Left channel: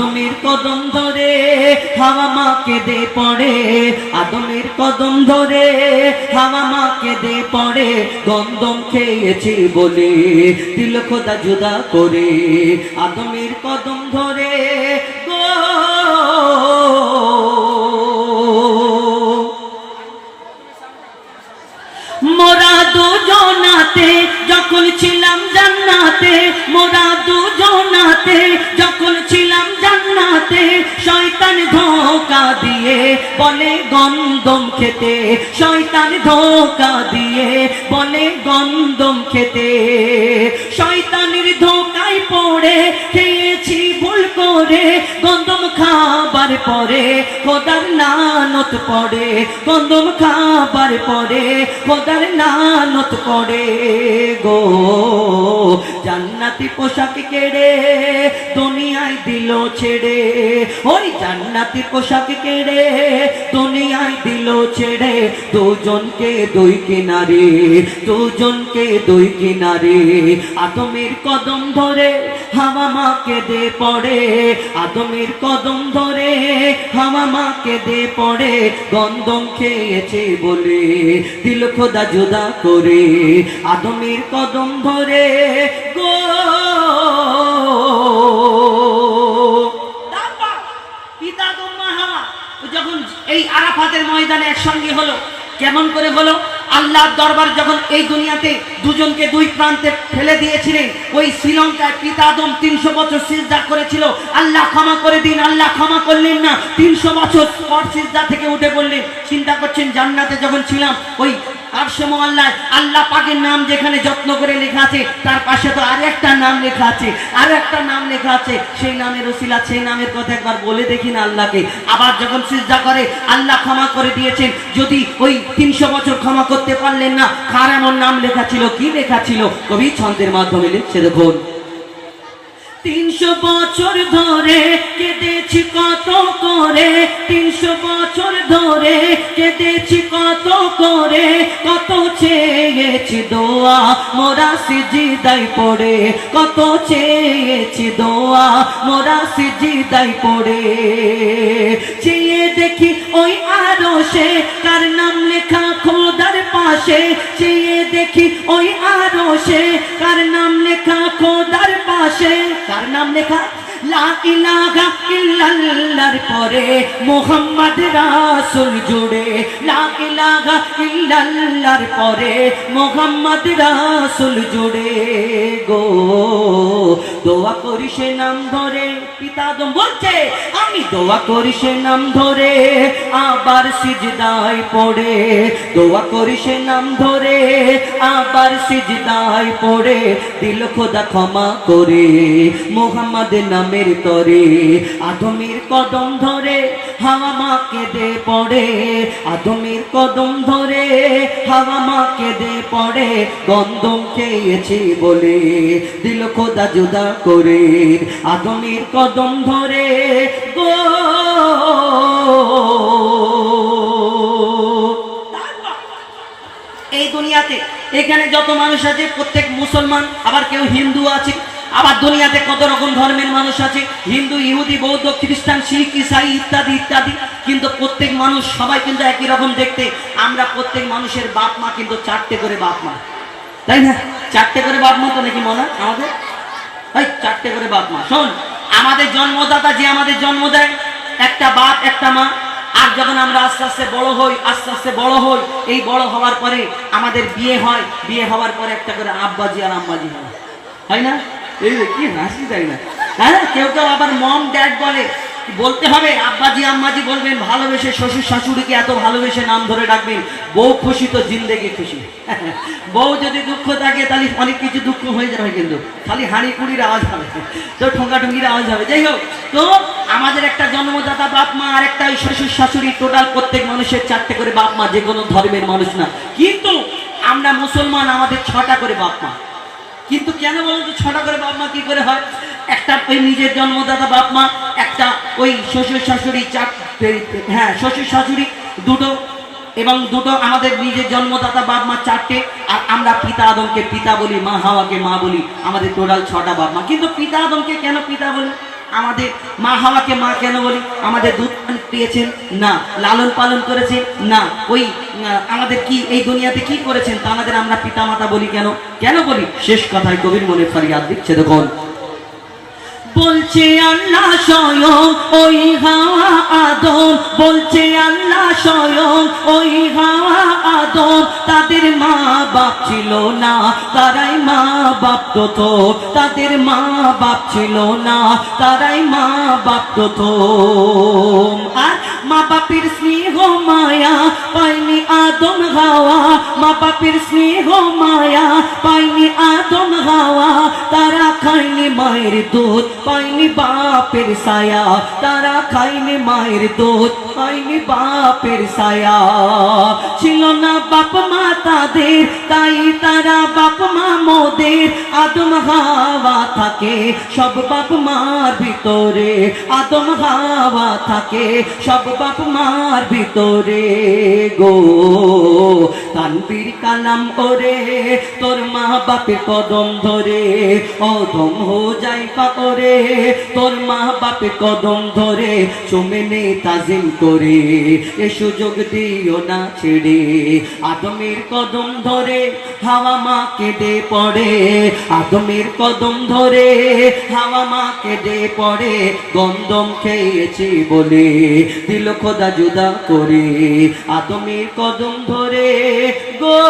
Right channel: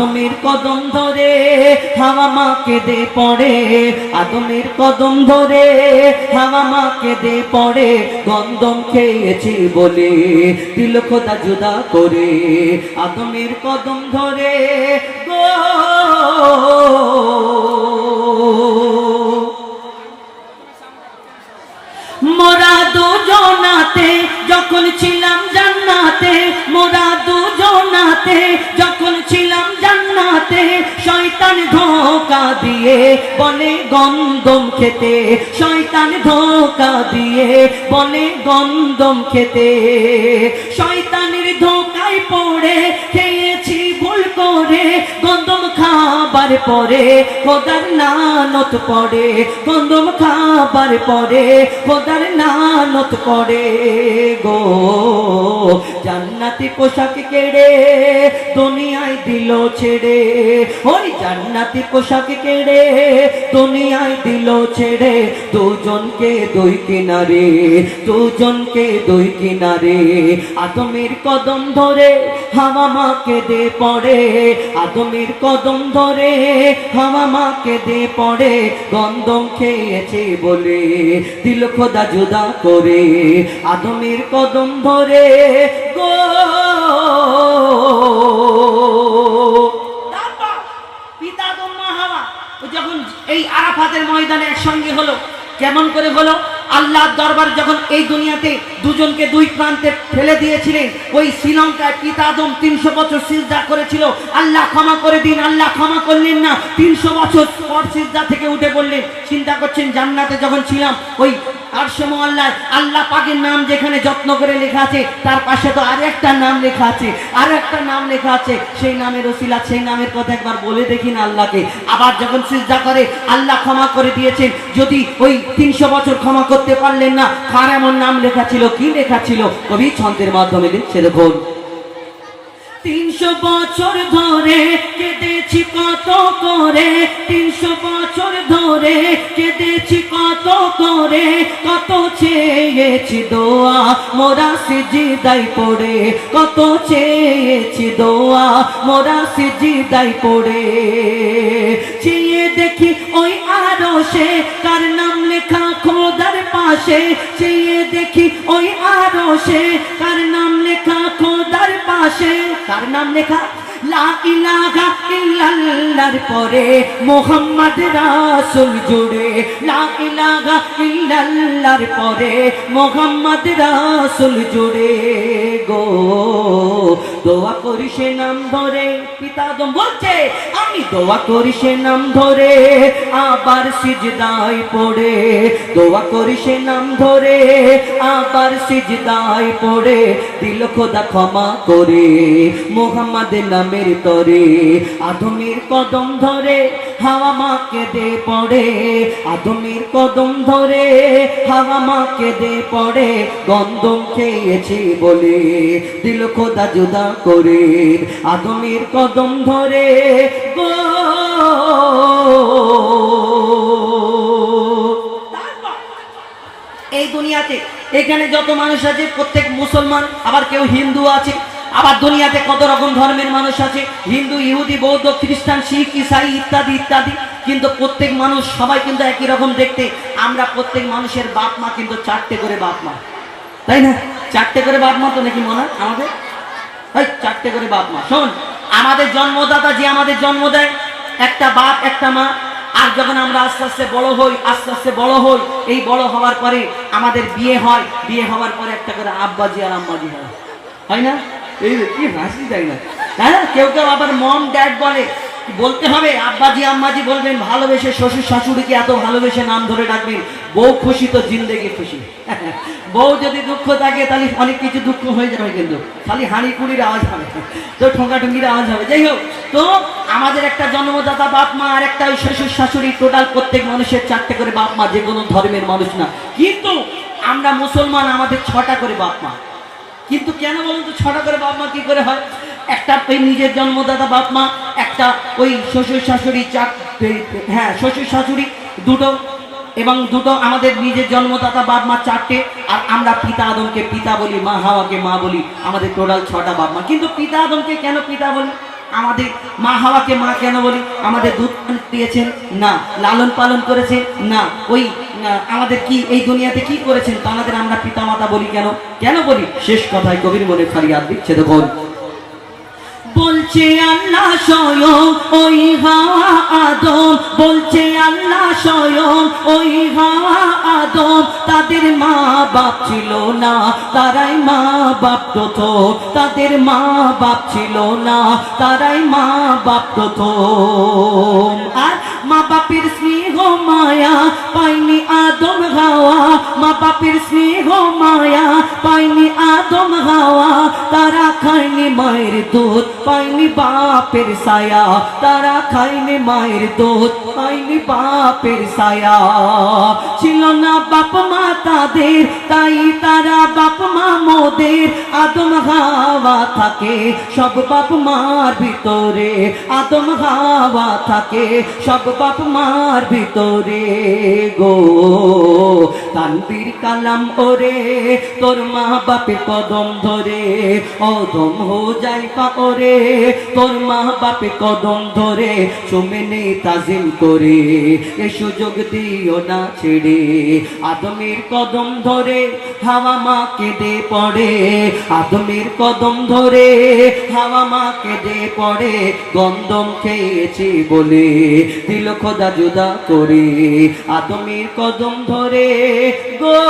আদমের কদম ধরে হাওয়া মা কেঁদে পড়ে, আদমের কদম ধরে হাওয়া মা কেঁদে পড়ে, গন্ধম খেয়েছি বলে দিল খোদা জুদা করে। আদমের কদম ধরে গো মোরা দুজনাতে যখন ছিলাম জান্নাতে, মোরা দুজনাতে যখন ছিলাম জান্নাতে, শয়তান ধোঁকা দিয়ে বলে গন্ধম খেতে, শয়তান ধোঁকা দিয়ে বলে গন্ধম খেতে। শয়তানের ধোঁকায় পড়ে খেয়েছি ভুল করে, গন্ধম খাবার পরে খোদার লানত পড়ে, গন্ধম খাবার পরে খোদার লানত পড়ে গো। জান্নাতি পোশাক কেড়ে দুনিয়ায় দিল ছেড়ে, ওই জান্নাতি পোশাক কেড়ে দুনিয়ায় দিল ছেড়ে, দুজনকে দুই কিনারে, দুজনকে দুই কিনারে। আদমের কদম ধরে হাওয়া মা কেঁদে পড়ে, আদমের কদম ধরে হাওয়া মা কেঁদে পড়ে, গন্ধম খেয়েছে বলে দিল খোদা জুদা করে। আদমের কদম ধরে গো পিতা আদম মা হাওয়া যখন এই আরাফাতের ময়দানে একসঙ্গে হলো, কেমন করে হলো? আল্লাহর দরবারে যখন এই দুনিয়াতে দুজনকে দুই প্রান্তে ফেলে দিয়েছিলেন, ওই শ্রীলঙ্কায় পিতা আদম 300 বছর সিজদা করেছিল, আল্লাহ ক্ষমা করে দিন, আল্লাহ ক্ষমা করলেন না, 300 বছর পর সিজদা থেকে উঠে পড়লেন। চিন্তা করছেন জান্নাতে যখন ছিলাম ওই আরশে মুআল্লায় আল্লাহ পাকের নাম যেখানে যত্ন করে লেখা আছে, তার পাশে তো আরো একটা নাম লেখা আছে, আরো একটা নাম লেখা আছে, সেই নামের ওসিলা, সেই নামের কথা একবার বলে দেখি না আল্লাহকে। আবার যখন সিজদা করে আল্লাহ ক্ষমা করে দিয়েছেন, যদি ওই 300 বছর ক্ষমা করতে পারলেন না, কার এমন নাম লেখা ছিল, কি লেখা ছিল? কবি ছন্দের মাধ্যমে লিখছে দেখুন। 300 বছর ধরে কেঁদেছি কত করে, 300 বছর ধরে কেঁদেছি কত করে, কত চেয়েছি দোয়া মোরা সিজদায় পড়ে, কত চেয়েছি দোয়া মোরা সিজদায় পড়ে। চেয়ে দেখি ওই আরশে কার নাম লেখা খোদার পাশে, চেয়ে দেখি ওই আরশে কার নাম লেখা খোদার পাশে, কার নাম লেখা? লা ইলাহা ইল্লাল্লাহর পরে মুহাম্মদ রাসূল জুড়ে, লা ইলাহা ইল্লাল্লাহর পরে মুহাম্মদ রাসূল জুড়ে গো। দোয়া করি সে নাম ধরে, পিতা আদম বলছে আমি দোয়া করি সে নাম ধরে আবার সিজদায় পড়ে, দোয়া করি সে নাম ধরে আবার সিজদায় পড়ে, দিল খোদা ক্ষমা করে মুহাম্মদ নামের তরে। আদমের কদম ধরে হাওয়া মা কেঁদে পড়ে, আদমের কদম ধরে হাওয়া মা কেঁদে পড়ে, গন্ধম খেয়েছি বলে দিল খোদা জুদা করে। আদমের কদম ধরে গো এই দুনিয়াতে এখানে যত মানুষ আছে প্রত্যেক মুসলমান, আবার কেউ হিন্দু আছে, আবার দুনিয়াতে কত রকম ধর্মের মানুষ আছে, হিন্দু, ইহুদি, বৌদ্ধ, খ্রিস্টান, শিখ, ইসাই ইত্যাদি ইত্যাদি, কিন্তু প্রত্যেক মানুষ সবাই কিন্তু একই রকম দেখতে। আমরা প্রত্যেক মানুষের বাপ মা কিন্তু 4টে করে বাপ মা, তাই না? 4টে করে বাপ মা তো নাকি মনে হয় আমাদের? 4টে করে বাপ মা। শোন, আমাদের জন্মদাতা যে আমাদের জন্ম দেয়, একটা বাপ একটা মা। আর যখন আমরা আস্তে আস্তে বড় হই, আস্তে আস্তে বড় হই, এই বড় হওয়ার পরে আমাদের বিয়ে হয়, বিয়ে হওয়ার পরে একটা করে আব্বাজি আর আম্মাজি হয়, হয় না? এই কি হাসি, তাই না? হ্যাঁ, কেউ কেউ আবার মম ড্যাড বলে, বলতে হবে আব্বাজি আম্মাজি বলবেন, ভালোবেসে শ্বশুর শাশুড়িকে এত ভালোবেসে নাম ধরে ডাকবেন। বউ খুশি তো জিন্দেগি খুশি। বউ যদি দুঃখ থাকে তাহলে অনেক কিছু দুঃখ হয়ে যাবে, কিন্তু খালি হাঁড়ি কুড়ির আওয়াজ হবে, তো ঠোঙ্গাঠুঙ্গির আওয়াজ হবে। যাই হোক, তো আমাদের একটা জন্মদাতা বাপ মা আর একটা শ্বশুর শাশুড়ি, টোটাল প্রত্যেক মানুষের 4টে করে বাপ মা, যে কোনো ধর্মের মানুষ না। কিন্তু আমরা মুসলমান, আমাদের 6টা করে বাপ মা। কিন্তু কেন বলেন তো 6টা করে বাপ মা কি করে হয়? একটা ওই নিজের জন্মদাতা বাপ মা, একটা ওই শ্বশুর শাশুড়ি, হ্যাঁ শ্বশুর শাশুড়ি 2টো, এবং 2টো আমাদের নিজের জন্মদাতা বাপ মা 4টে, আর আমরা পিতা আদমকে পিতা বলি, মা হাওয়াকে মা বলি, আমাদের টোটাল 6টা বাপ মা। কিন্তু পিতা আদমকে কেন পিতা বলি? আমাদের মা হাওয়াকে মা কেন বলি? আমাদের দুধ পান দিয়েছেন না, লালন পালন করেছে না, ওই আমাদের কি এই দুনিয়াতে কি করেছেন তা আমাদের আমরা পিতা মাতা বলি কেন? কেন বলি? শেষ কথায় কবির মনে ফরিয়াদ দিচ্ছে, দেখুন বলছে আল্লাহ স্বয়ং ওই হাওয়া আদম, বলছে আল্লাহ স্বয়ং ওই হাওয়া আদম, তাদের মা বাপ ছিল না, তারাই মা বাপ তো, তাদের মা বাপ ছিল না, তারাই মা বাপ তো। আর মা বাপের স্নেহ মায়া পাইনি আদম হাওয়া, মা বাপের স্নেহ মায়া পাইনি আদম হাওয়া, তারা খায়নি মায়ের দুধ পাইনি বাপের ছায়া, তারা খায়নি মায়ের দুধ পাইনি বাপের ছায়া। ছিল না বাপ মা তাদের, তাই তারা বাপ মা মোদের। আদম হাওয়া থাকে সব বাপ মার ভিতরে, আদম হাওয়া থাকে সব বাপ মার ভিতরে গো। তানবীর কালাম ওরে তোর মা বাপে কদম ধরে, অদম হো যাই পা ওরে তোর মা বাপে কদম ধরে, চুমে নে তাজিম করে এ সুযোগ দিও না ছেড়ে। আদমের কদম ধরে হাওয়া মা কেঁদে পড়ে, আদমের কদম ধরে হাওয়া মা কেঁদে পড়ে, গন্ধম খেয়েছি বলে দিল খোদা জুদা করে। আদমের কদম ধরে গো